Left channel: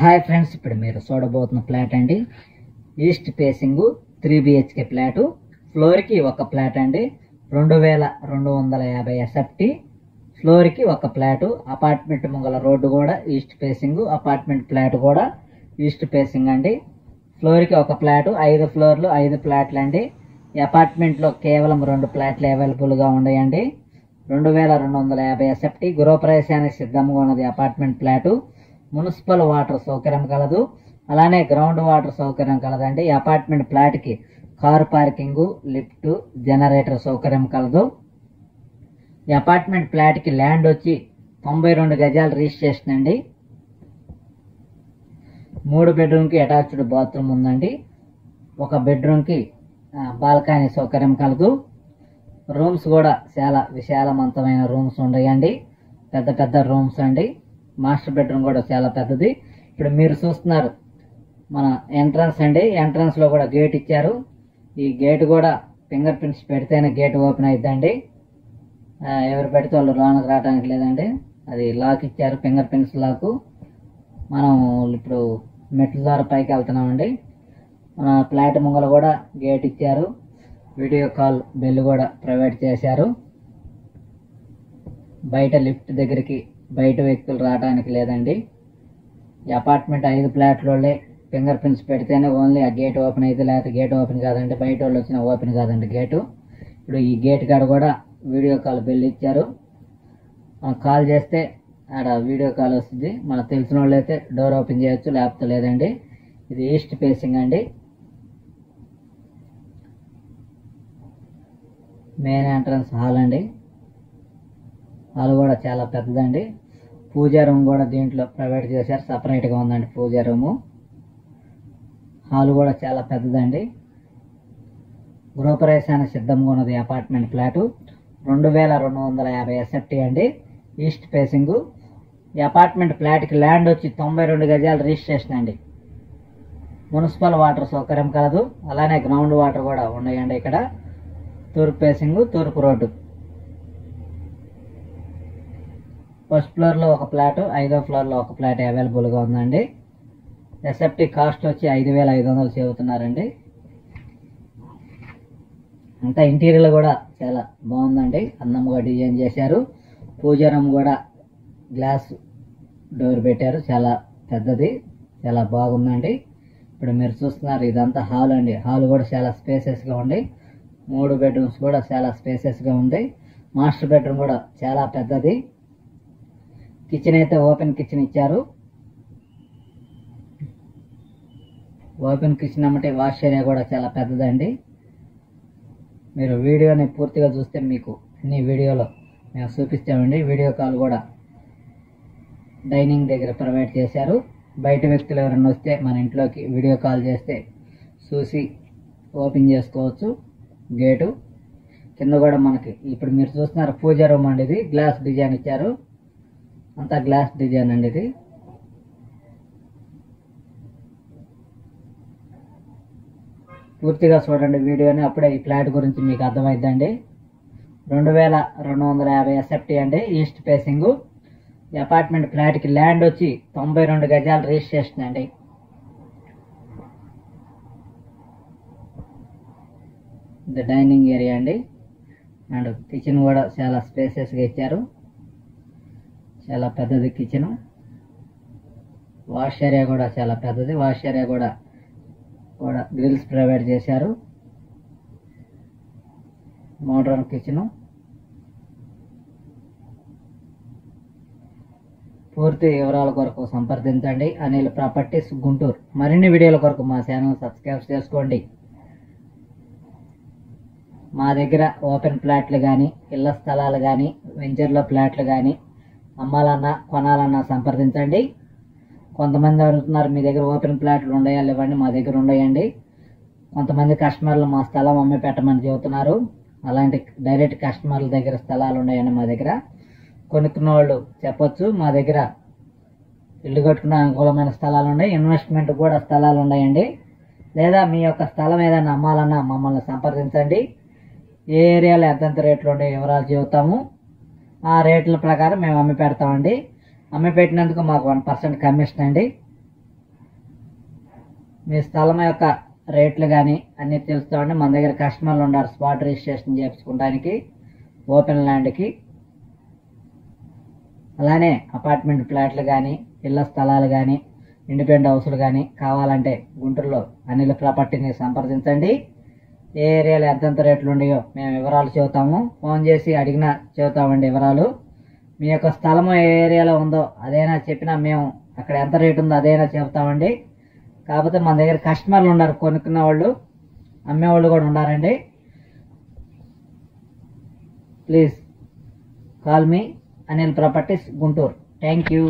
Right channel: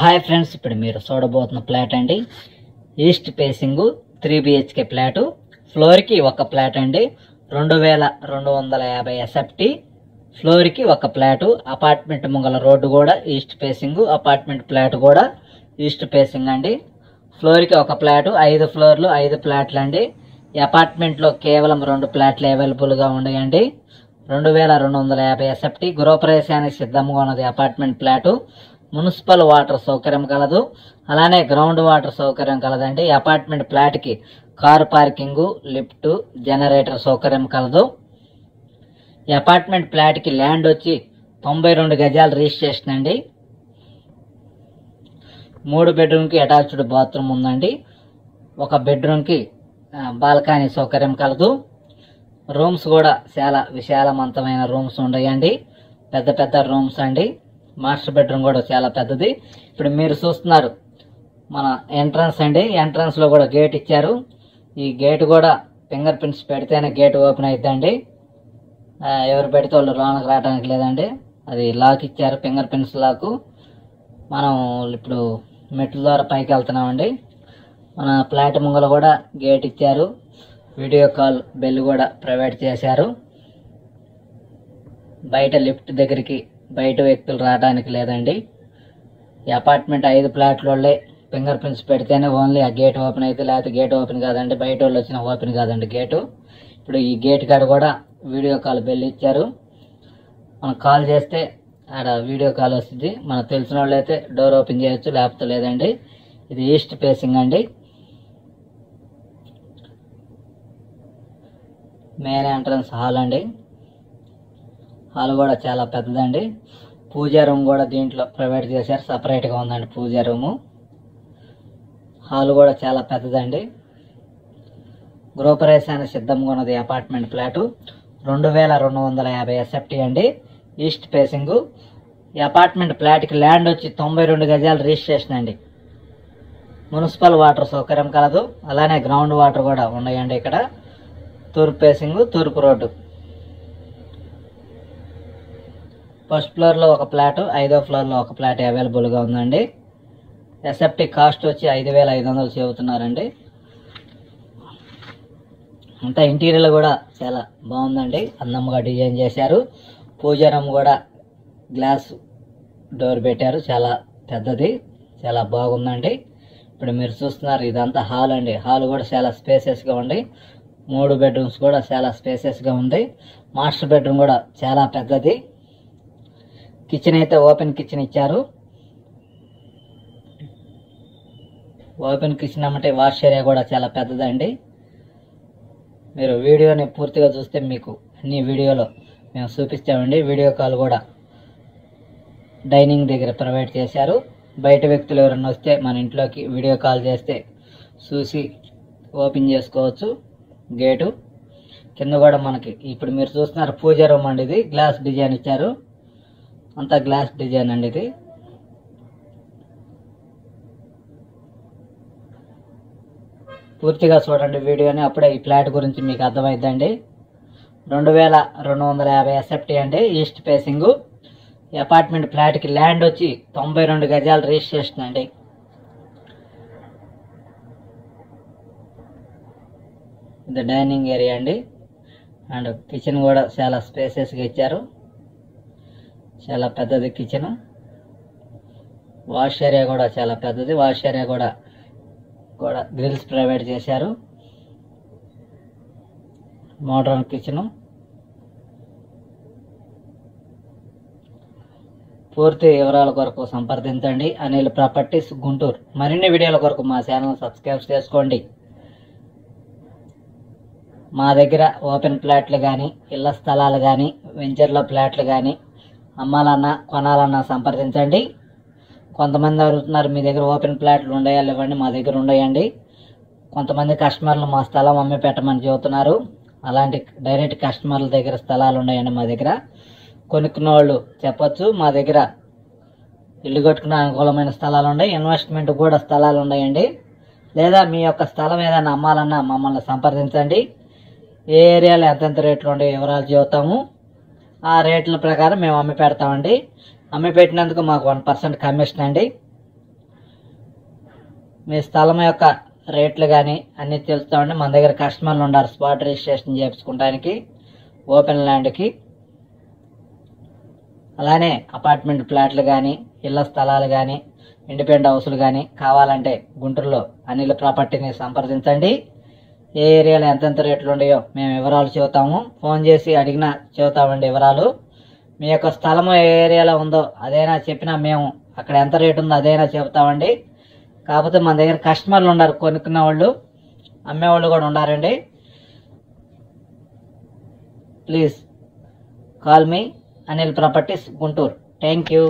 Hi friends, ఇప్పుడు మీరు చూడబోతున్న flat అండి. East facing 3 BHK flat. ఫ్లోర్కి ఒక ఫ్లాట్ అండి. 2250 SFT. ఫ్లోర్కి ఒక ఫ్లాటు. అపార్ట్మెంట్ ముంగల రోడ్డు కూడా ఈస్ట్ ఫేసింగ్. అపార్ట్మెంట్ ఫ్లాట్ కూడా ఈస్ట్ ఫేసింగ్ అండి. ఫ్లోర్కి ఒక ఫ్లాటు. 5 ఫ్లోర్లు 5 ఫ్లాట్లు అండి. ఈ అపార్ట్మెంట్లో కేవలం 2 ఫ్లాట్లు అవైలబుల్గా ఉన్నాయండి. 2250 SFT. గృహప్రవేశానికి సిద్ధంగా ఉన్నది అపార్ట్మెంట్ ఫ్లాటు. మున్సిపల్ వాటర్ సౌకర్యం కలదు, అలానే గ్రౌండ్ వాటర్ సౌకర్యం కలదండి. ఈ అపార్ట్మెంట్ ఫ్లాట్కి కార్ పార్కింగ్, లిఫ్ట్, జనరేటర్ సౌకర్యం కలదు. ఈ అపార్ట్మెంట్ ఫ్లాట్కి ల్యాండ్ వచ్చి 92 గజాలు రిజిస్ట్రేషన్ అండి. 3 బెడ్రూమ్కి అటాచ్డ్ బాత్రూమ్ ఉందండి. 1 బెడ్రూమ్కి బాల్కనీ సౌకర్యం కలదు. రూమ్స్ కూడా చాలా విశాలవంతమైన రూమ్స్ ఉన్నాయండి. పెద్ద పెద్ద రూమ్స్ అండి. మాస్టర్ బెడ్రూమ్ కూడా చాలా పెద్దది. ఇప్పుడు మీరు చూస్తున్నారు మన ఎంట్రన్స్ అండి. ఎంట్రన్స్ లో కూడా గేట్ ఇచ్చారు. ఈ గేట్ కూడా ఫింగర్ ప్రింట్స్ పెడితేనే గేట్ ఓపెన్ అయిద్దండి. ఎవరు పెడితే వాళ్ళు లోనకు రావడానికి లేదండి. అది లాక్ ఇచ్చారు, ఫింగర్ ప్రింట్స్ లాక్. మనం ఇప్పుడు మెట్ల ద్వారా పైకి వెళ్తున్నామండి. మన ఫ్లాట్ ముంగల కూడా గేట్ ఇచ్చారు. వీడియో కాల్ బెల్ కూడా ప్రొవైడ్ చేశారు. బయట లిఫ్ట్ దగ్గరికి బయట వ్యక్తులు రావడానికి లేదండి. ఈ అపార్ట్మెంట్ 5 ఫ్లాట్లలో ఫింగర్ ప్రింట్స్ పెడితేనే ఓన్లీ ఆ గేట్ ఓపెన్ అయితే, లేకపోతే గేట్ ఓపెన్ కాదండి. బయట వాళ్ళు వచ్చిన ఓపెన్ కాదండి గేటు. ఇప్పుడు ఈ గేట్ కాడ కూడా వీడియో కాల్ బెల్ ఇచ్చారు. మనం కాల్ చేస్తే ఆడ వీడియో కాల్ వస్తుంది. మనకు తెలిసిన వాళ్ళు అయితే డోర్ ఓపెన్ చేయొచ్చు, లేకపోతే లేదండి. ఇది ఈస్ట్ ఫేసింగ్ అండి. మెయిన్ ఎంట్రన్స్ హాల్ అండి. హాల్ కూడా చాలా పెద్దదండి. పూజా రూమ్ కూడా దీంట్లో ప్రొవైడ్ చేశారు, సపరేట్గా ఉందండి పూజా రూము. హాల్ కూడా చాలా పెద్దదండి. గృహప్రవేశానికి సిద్ధంగా ఉన్నది అపార్ట్మెంట్ ఫ్లాటు. 2250 SFT అండి. East facing. ఈ అపార్ట్మెంట్ ఫ్లాట్కి ల్యాండ్ వచ్చి 92 గజాలు రిజిస్ట్రేషన్ అండి. మున్సిపల్ వాటర్ సౌకర్యం కలదు, అలానే గ్రౌండ్ వాటర్ కూడా ఉన్నాయండి. ఇక్కడ తూర్పు ఫేసింగ్, తూర్పు రోడ్డు. ఫస్ట్ ఫ్లోర్లో ఒక ఫ్లాట్, 5వ ఫ్లోర్లో ఒక ఫ్లాట్ అవైలబుల్గా ఉందండి. SFT కాస్ట్ వచ్చి 5500 చెబుతున్నారండి. ఇంకా ఇంటీరియర్ కూడా చాలా బాగుందండి. అందంగా డిజైన్ చేశారు. పూజా రూమ్ కూడా గ్లాస్ డోర్ పెట్టారు. చాలా పెద్దది, చాలా బాగుందండి. ఇప్పుడు మీరు చూస్తున్నారు ఇదంతా హాల్ అండి. హాల్ కూడా చాలా స్పేసెస్గా ఉంది. 3 బెడ్రూమ్స్ కూడా చాలా స్పేసెస్గా ఉంది. మాస్టర్ బెడ్రూమ్ కూడా చాలా పెద్దది. కిచెన్ అయితే ఓపెన్ కిచెన్ ఇచ్చారు. ఓపెన్ కిచెన్ అంటే వాష్ ఏరియా కూడా చాలా పెద్దదండి. మీరు వీడియోని పూర్తిగా చూస్తే మీకు అన్ని వీడియోలో మేము చూపిస్తామండి. వీడియో కాల్ కూడా డైనింగ్ దగ్గర ప్రొవైడ్ చేశారు. బయట వ్యక్తులు ఎవరైనా వస్తే మన ఇంట్లోకి వీడియో కాల్ చేస్తే చూసి ఓపెన్ చేసుకోవచ్చు గేటు. కింద కూడా మనకి ఇప్పుడు మీరు చూస్తున్నారు పూజా రూమ్ అండి. ఇది గ్లాస్ డిజైన్ ఇచ్చారు. అంతా గ్లాస్ డిజైన్ అండి. ఇది పూర్తిగా చూడండి వీడియోని, అప్పుడే ఈ ఫ్లాట్ గురించి మీకు అర్థమైందండి. 2250 SFT అండి. East facing. ఈ అపార్ట్మెంట్ ఫ్లాట్కి ల్యాండ్ వచ్చి 92 గజాలు రిజిస్ట్రేషన్ అండి. ఇది డైనింగ్ ఏరియా అండి. అండ్ కిచెన్ కూడా చాలా స్పేసెస్గా ఇచ్చారు. చాలా పెద్దది కిచెన్. వాష్ ఏరియా కూడా చాలా పెద్దది. వాష్ ఏరియా కూడా గ్రిల్స్ ప్రొవైడ్ చేశారు. Modern kitchen. పూర్తి వివరాల కొరకు సంప్రదించండి అనిల్ ప్రాపర్టీస్ గుంటూరు. మరిన్ని వీడియోల కొరకు మా ఛానల్ సబ్స్క్రైబ్ చేసుకోండి. మా దగ్గర ఓపెన్ ఫ్లాట్లు కానీ, ఇళ్ల స్థలాలు కానీ, వెంచర్లో ఫ్లాట్లు కానీ అమ్మాలన్నా కొనాలన్నా సంప్రదించండి. కొంతమంది అడుగుతున్నారు మీ దగ్గర ఓపెన్ ఫ్లాట్లు ఉన్నాయా లేవండి. మా దగ్గర ఉన్నాయండి. కొంతమంది కస్టమర్లు మా స్థలం అమ్మి పెట్టమని చెబుతున్నారు. అలాంటి డైరెక్ట్ కస్టమర్ల దగ్గర స్థలాలు ఉన్నాయండి మా దగ్గర. కొనుక్కున్న వాళ్ళు చెప్పొచ్చు మా దగ్గర ఇల్లు కట్టుకునే అనుకూలమైన స్థలాలు ఉన్నాయి, ఇన్వెస్ట్మెంట్ కూడా స్థలాలు ఉన్నాయండి. లేదా మీ యొక్క స్థలం ఏదైనా అమ్మాలన్నా మమ్మల్ని సంప్రదించండి. ఏ ఏరియాలో ఎంతెంత రేట్లు ఉండే వివరాలు చెబుతాము. ఆ రేట్ల ప్రకారం మేము అమ్మి పెడతామండి. అమ్మి పెట్టినందుకు మాకు 1% కమిషన్ అండి. మీ స్థలం యొక్క రేట్లు కానీ అన్నీ తెలుస్తామండి. మన దగ్గర కస్టమర్లు ఉన్నారు స్పాట్ రిజిస్ట్రేషన్ చేయించుకోవడానికి ఓపెన్ ల్యాండ్కి. అలానే అపార్ట్మెంట్ ఫ్లాట్లు కానీ ఇళ్ల స్థలాలు కానీ ఇండిపెండెంట్ హౌస్లు కానీ కావాలంటే గుంటూరులో అనిల్ ప్రాపర్టీని సంప్రదించండి. ఏ ఏరియాలో ఎంతెంత రేట్లు ఉన్నాయో మేము వివరాలు చెబుతాము. ఫోన్ చేసి అడిగినా చెబుతామండి వివరాలు. మీ యొక్క స్థలం ఏ ఏరియాలో ఉందో అదైనా చెప్పినా మేము అక్కడ ఎంత రేటు ఉందో అదైనా చెబుతామండి. కాకపోతే మన దగ్గర కస్టమర్లు ఉన్నారు, కొనుక్కున్న వాళ్ళు అమ్మేవాళ్ళు కూడా ఉన్నారండి. Please call me Anil properties Guntur. Thank you.